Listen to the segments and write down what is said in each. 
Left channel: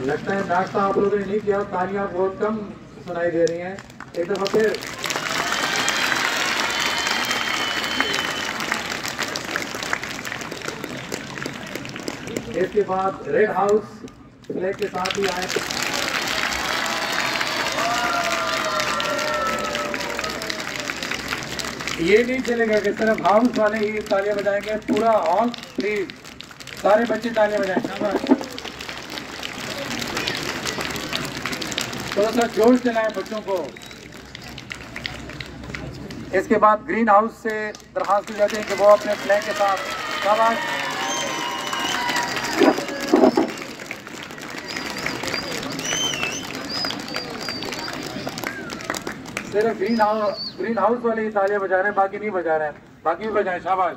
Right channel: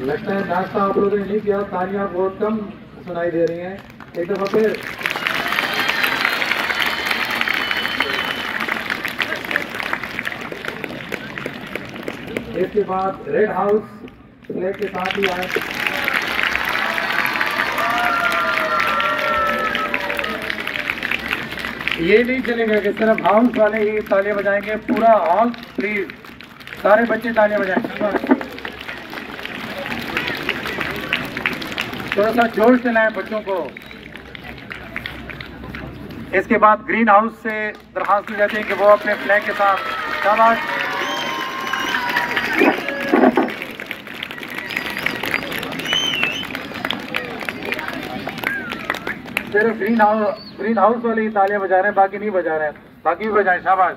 लगता है नाश्ता आप लोगों ने नहीं किया, तालियां बहुत कम सुनाई दे रही हैं। एक दफा फिर इसके बाद रेड हाउस फ्लैग के साथ ही आए। ये नहीं चलेगा कि सिर्फ हाउस वाले ही तालियां बजाएंगे, पूरा हॉल प्लीज सारे बच्चे तालियां बजाएं। शाबाश, थोड़ा सा जोश दिलाएं बच्चों को। इसके बाद ग्रीन हाउस से दरखास्त की जाती है कि वो अपने फ्लैग के साथ, शाबाश, सिर्फ ग्रीन हाउस वाले ही तालियां बजा रहे हैं, बाकी नहीं बजा रहे हैं, बाकी भी बजाएं। शाबाश,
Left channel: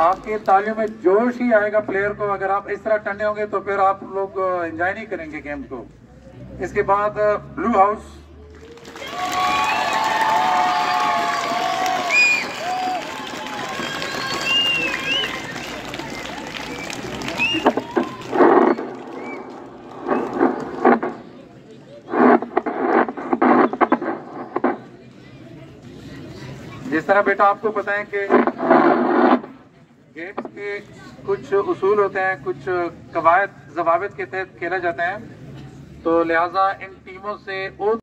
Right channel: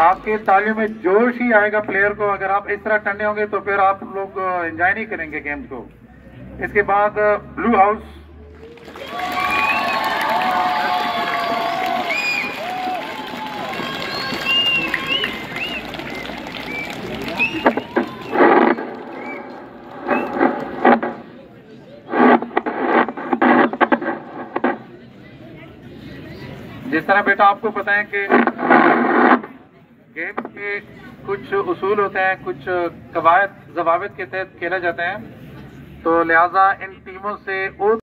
आपके तालियों में जोश ही आएगा प्लेयर को। अगर आप इस तरह टंडे होंगे तो फिर आप लोग एंजॉय नहीं करेंगे गेम को। इसके बाद ब्लू हाउस, जिस तरह बेटा आपको पता है कि गेम्स के कुछ उसूल होते हैं, कुछ कवायद जवाबित के तहत खेला जाता है, तो लिहाजा इन टीमों से